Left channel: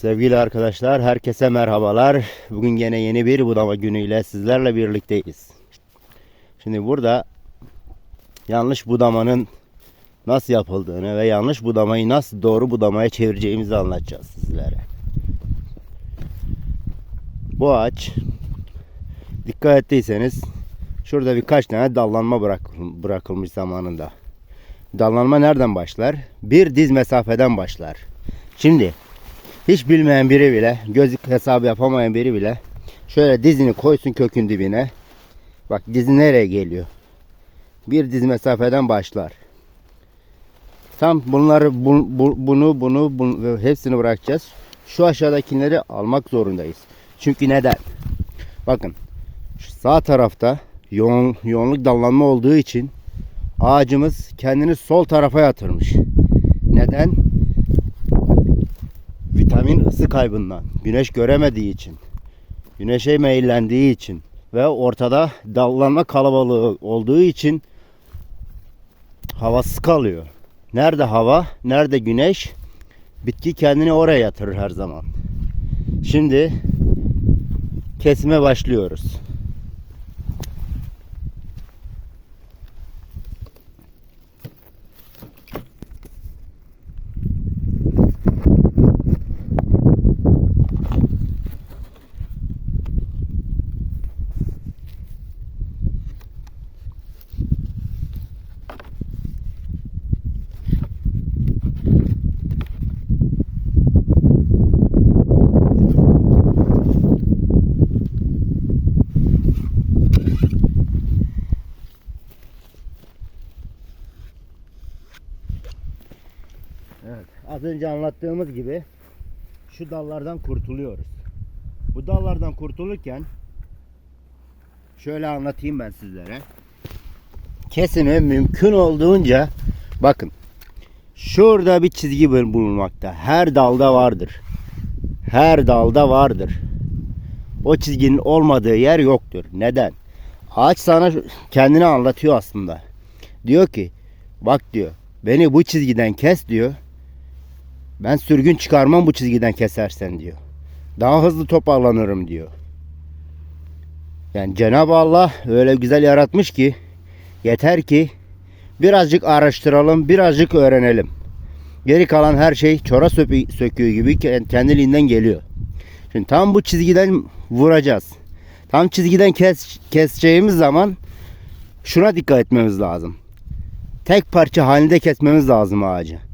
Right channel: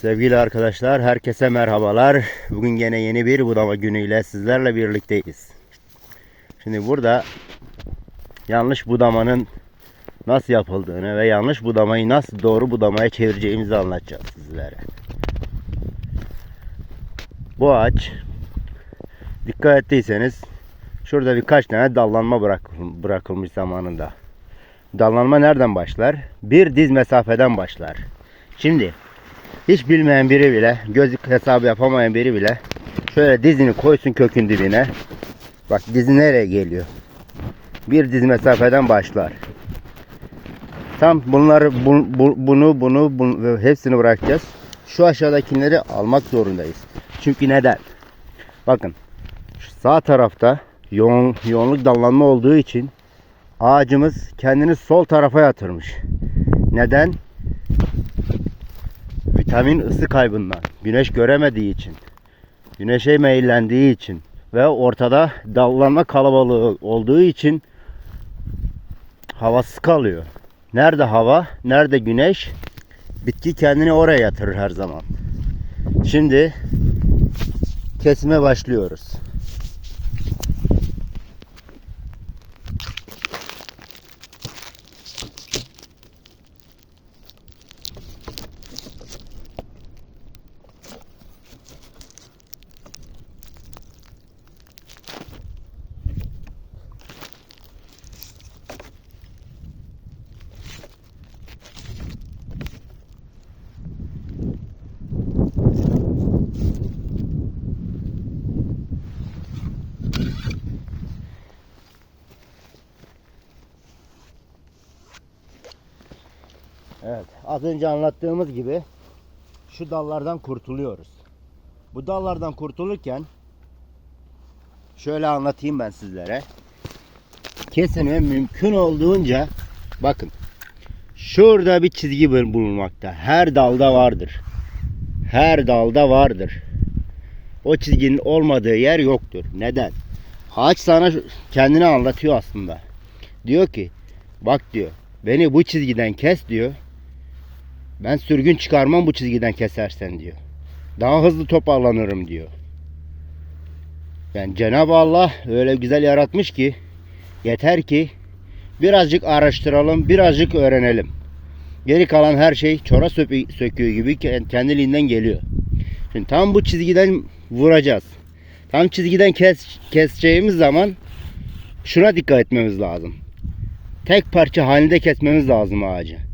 Sevgili arkadaşlar, herkese merhabalar. Bugün yine yeni bir budama günüyle sizlerle birlikteyiz. Şimdi burada yanlış budamanın nasıl yapıldığını ve yanlış budamayı nasıl doğru budamaya çevireceğimizi anlatacağız sizlere. Bu ağaç dikkat ettiyseniz şurada birkaç tane dallanma bırak, bırakılmış zamanında. Dallanma nereden başlar? Bir diz mesafeden başlar. Şimdi hiç bilmeyen biri bile, gözlük hesabı yapamayan biri bile şöyle dizini koysun kökün dibine. Bak dizi nereye geliyor? Bir diz mesafeden başlar. Tam bunları bu- bu- bunu bunu, bunu hepsini bırakacağız. Şu aşağıdakileri almak zorundayız. Çünkü neden? Bakın sağ tarafta yoğun yoğunluk dallanma olduğu için ağacımız kendini sol tarafa yatırmış. Neden? Vitamin ısı kaybından, güneş göremediği için, güneşe meyillendiği için ve ortada dallanma kalabalığı olduğu için havasız kalıyor. Nerede hava, nerede güneş, bitki kendini oraya yatırır her zaman. Şimdi kesime başlıyoruz. Evet, az önce anlattığımız gibi şu dallardan kurtuluyoruz. Bu dallardan kurtulurken şöyle anlatayım ben sizlere. Kesimi mümkün olduğunca bakın şurada bir çizgi bul- bulunmakta. Her dalda vardır. Her dalda vardır. O çizginin olmadığı yer yoktur. Neden? Ağaç sana kendini anlatıyor aslında. Diyor ki bak diyor beni bu çizgiden kes diyor. Ben sürgün çıkarmam bu çizgiden kesersen diyor. Daha hızlı toparlanırım diyor. Yani Cenab-ı Allah öyle güzel yaratmış ki yeter ki birazcık araştıralım, birazcık öğrenelim. Geri kalan her şey çora söküğü gibi ke- kendiliğinden geliyor. Şimdi tam bu çizgiden vuracağız. Tam çizgiden kes, keseceğimiz zaman şuna dikkat etmemiz lazım. Tek parça halinde kesmemiz lazım ağacı.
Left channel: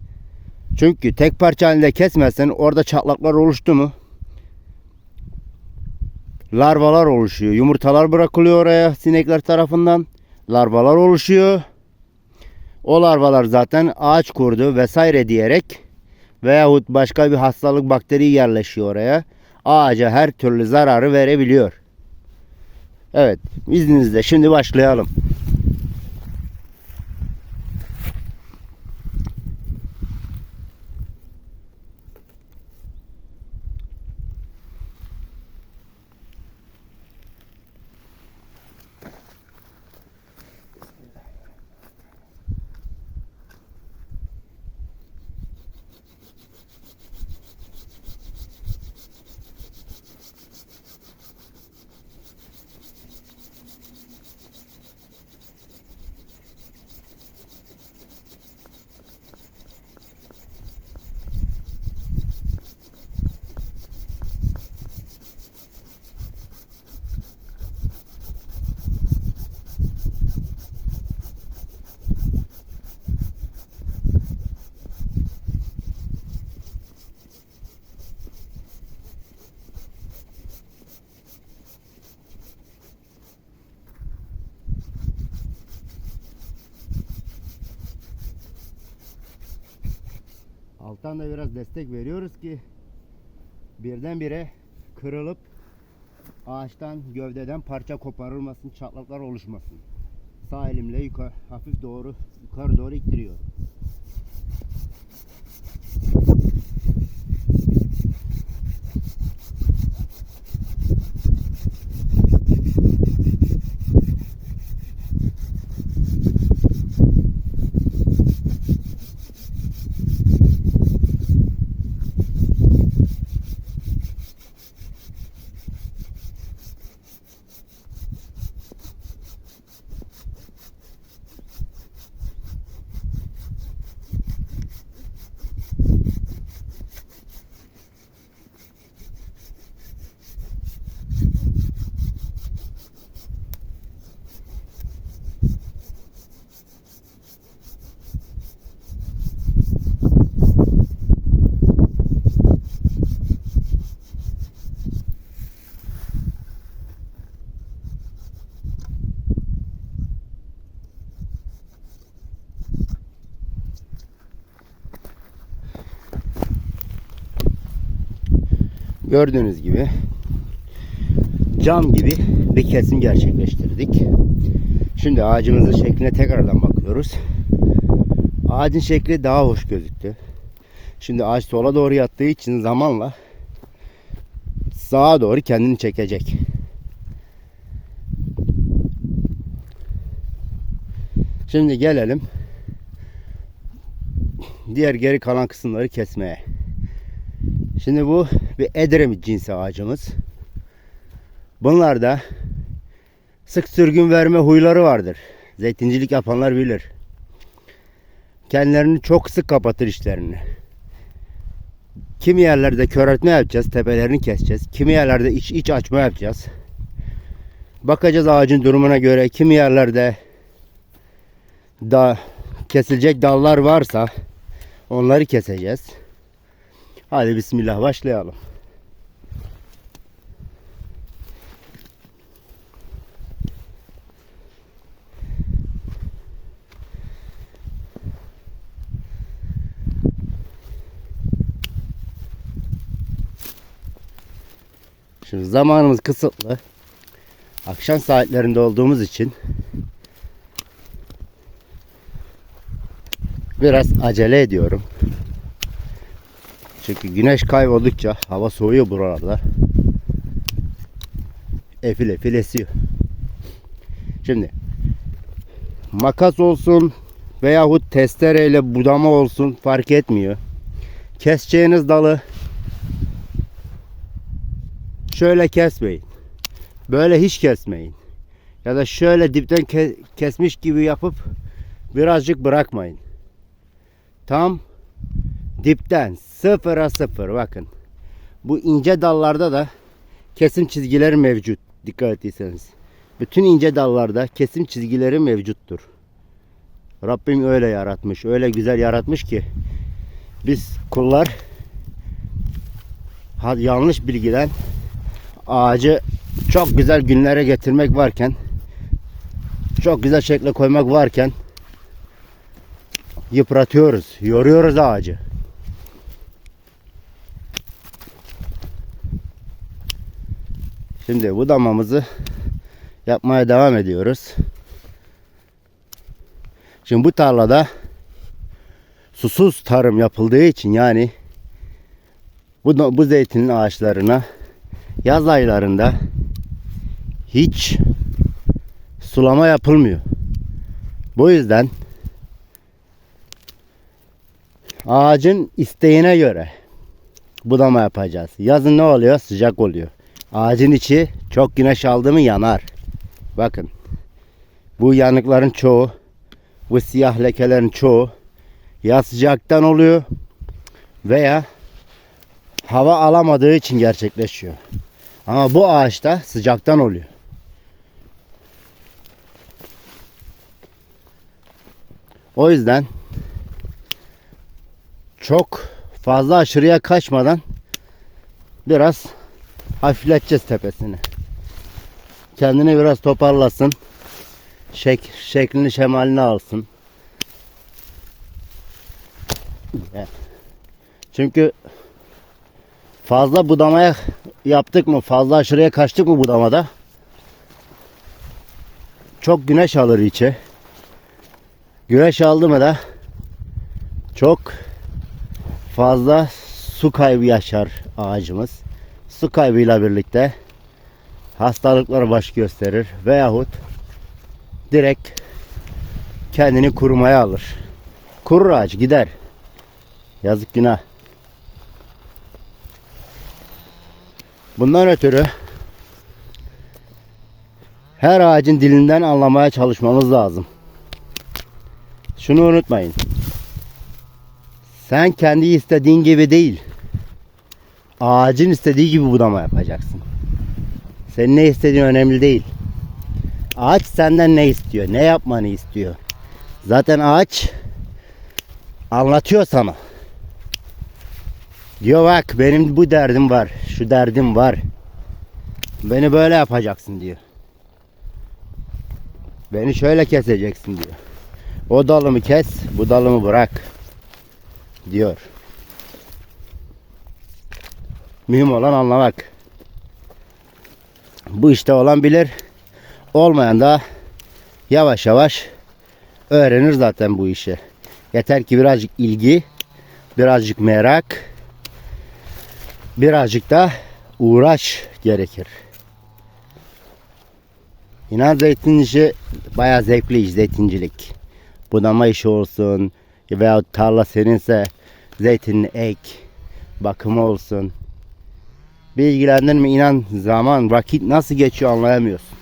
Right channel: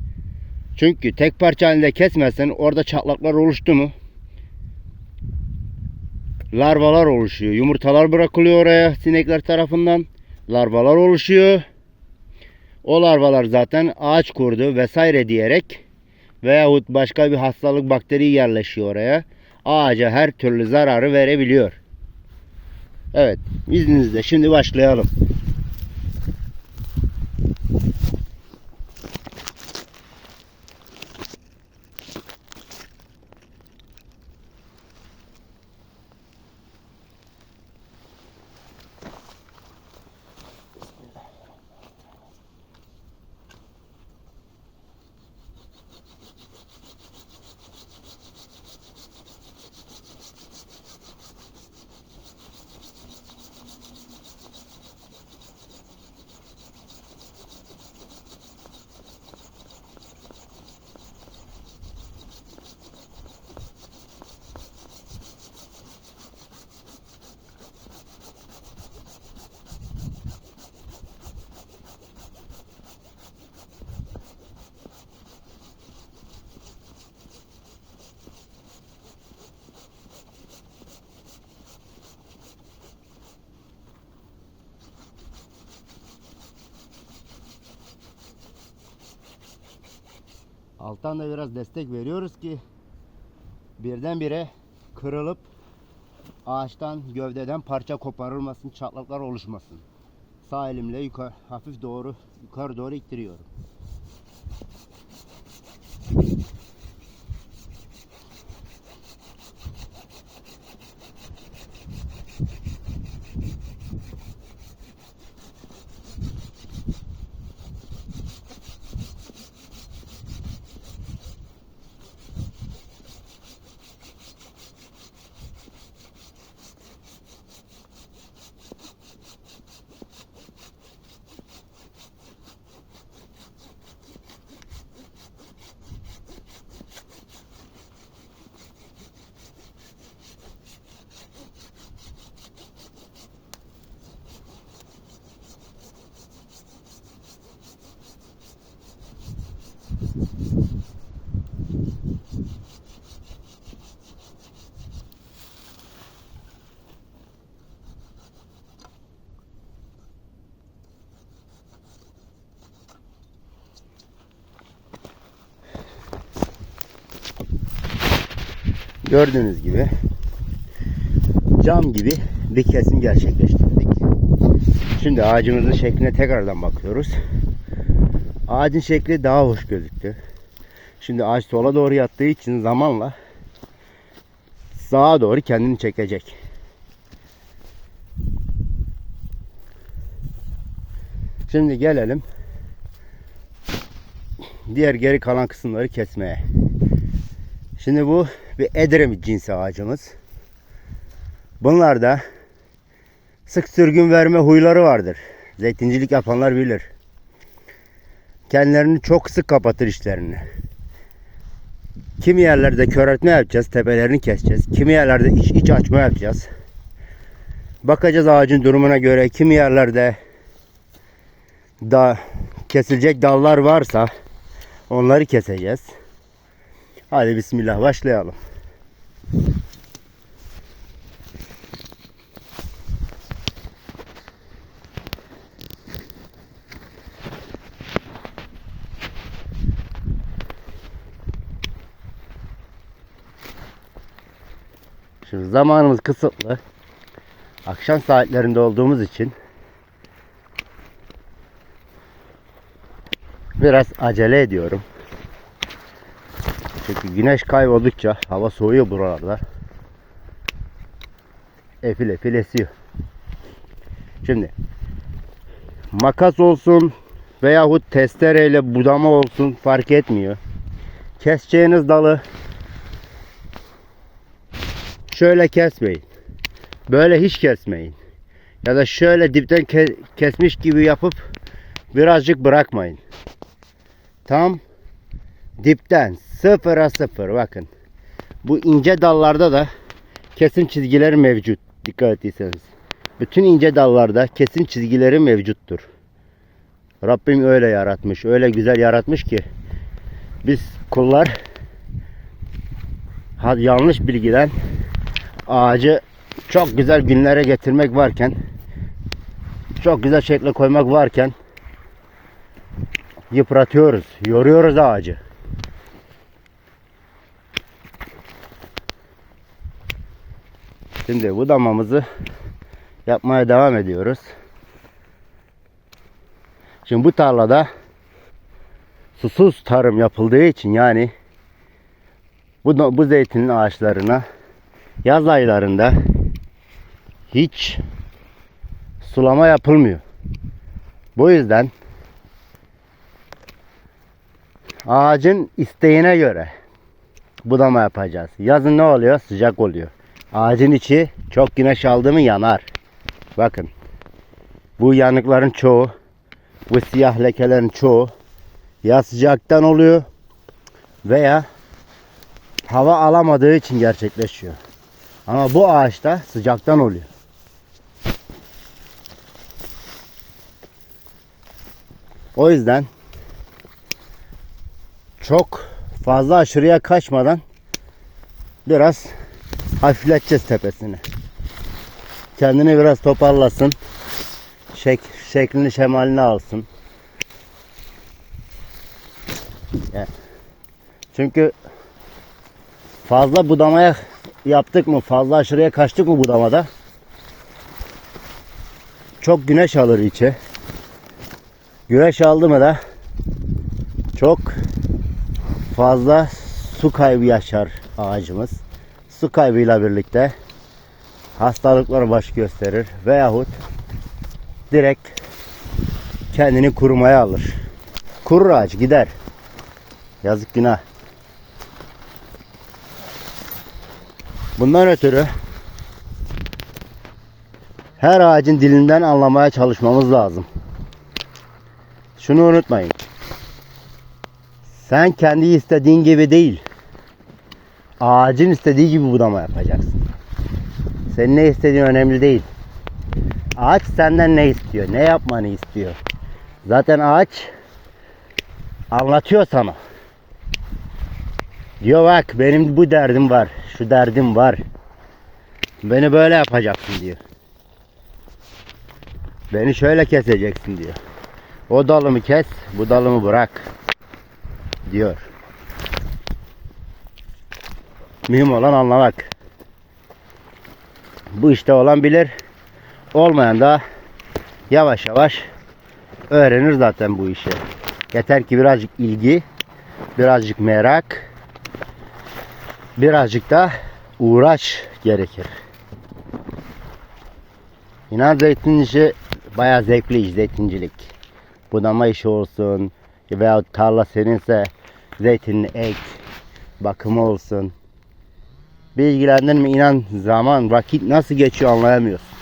Çünkü tek parça halinde kesmezsen orada çatlaklar oluştu mu? Larvalar oluşuyor. Yumurtalar bırakılıyor oraya sinekler tarafından. Larvalar oluşuyor. O larvalar zaten ağaç kurdu vesaire diyerek veyahut başka bir hastalık bakteri yerleşiyor oraya. Ağaca her türlü zararı verebiliyor. Evet, izninizle şimdi başlayalım. Alttan da biraz destek veriyoruz ki birdenbire kırılıp ağaçtan gövdeden parça koparılmasın, çatlaklar oluşmasın. Sağ elimle yukarı hafif doğru yukarı doğru ittiriyorum. Gördüğünüz gibi cam gibi bir kesim gerçekleştirdik. Şimdi ağacımızın şekline tekrardan bakıyoruz. Ağacın şekli daha hoş gözüktü. Şimdi ağaç sola doğru yattığı için zamanla sağa doğru kendini çekecek. Şimdi gelelim diğer geri kalan kısımları kesmeye. Şimdi bu bir Edremit cinsi ağacımız. Bunlarda sık sürgün verme huyları vardır. Zeytincilik yapanlar bilir. Kendilerini çok sık kapatır işlerini. Kimi yerlerde köreltme yapacağız, tepelerini keseceğiz. Kimi yerlerde iç, iç açma yapacağız. Bakacağız ağacın durumuna göre. Kimi yerlerde da kesilecek dallar varsa onları keseceğiz. Hadi bismillah başlayalım. Şimdi zamanımız kısıtlı. Akşam saatlerinde olduğumuz için biraz acele ediyorum. Çünkü güneş kayboldukça hava soğuyor buralarda. Efil efil esiyor. Şimdi makas olsun veyahut testereyle budama olsun fark etmiyor. Keseceğiniz dalı şöyle kesmeyin. Böyle hiç kesmeyin. Ya da şöyle dipten ke- kesmiş gibi yapıp birazcık bırakmayın. Tam dipten sıfıra sıfır bakın. Bu ince dallarda da kesim çizgileri mevcut. Dikkat ettiyseniz. Bütün ince dallarda kesim çizgileri mevcuttur. Rabbim öyle yaratmış. Öyle güzel yaratmış ki biz kullar yanlış bilgiden ağacı çok güzel günlere getirmek varken çok güzel şekle koymak varken yıpratıyoruz, yoruyoruz ağacı. Şimdi bu damamızı yapmaya devam ediyoruz. Şimdi bu tarlada susuz tarım yapıldığı için yani bu, bu zeytinin ağaçlarına yaz aylarında hiç sulama yapılmıyor. Bu yüzden ağacın isteğine göre budama yapacağız. Yazın ne oluyor? Sıcak oluyor. Ağacın içi çok güneş aldı mı yanar. Bakın. Bu yanıkların çoğu, bu siyah lekelerin çoğu ya sıcaktan oluyor veya hava alamadığı için gerçekleşiyor. Ama bu ağaçta sıcaktan oluyor. O yüzden çok fazla aşırıya kaçmadan biraz hafifleteceğiz tepesini. Kendini biraz toparlasın. Şek, şeklini şemalini alsın. Çünkü fazla budamaya yaptık mı, fazla aşırıya kaçtık mı budamada çok güneş alır içe. Güneş aldı mı da çok fazla su kaybı yaşar ağacımız. Su kaybıyla birlikte hastalıklar baş gösterir veyahut direkt kendini kurumaya alır. Kurur ağaç gider. Yazık günah. Bundan ötürü her ağacın dilinden anlamaya çalışmamız lazım. Şunu unutmayın. Sen kendi istediğin gibi değil. Ağacın istediği gibi budama yapacaksın. Senin ne istediğin önemli değil. Ağaç senden ne istiyor? Ne yapmanı istiyor? Zaten ağaç anlatıyor sana. Diyor bak benim bu derdim var. Şu derdim var. Beni böyle yapacaksın diyor. Beni şöyle keseceksin diyor. O dalımı kes, bu dalımı bırak diyor. Mühim olan anlamak. Bu işte olan bilir. Olmayan da yavaş yavaş öğrenir zaten bu işi. Yeter ki birazcık ilgi, birazcık merak, birazcık da uğraş gerekir. İnan zeytin işi bayağı zevkli iş zeytincilik. Budama işi olsun veya tarla seninse zeytinini ek, bakımı olsun. Bilgilendirme inan zaman vakit nasıl geçiyor anlayamıyorsun.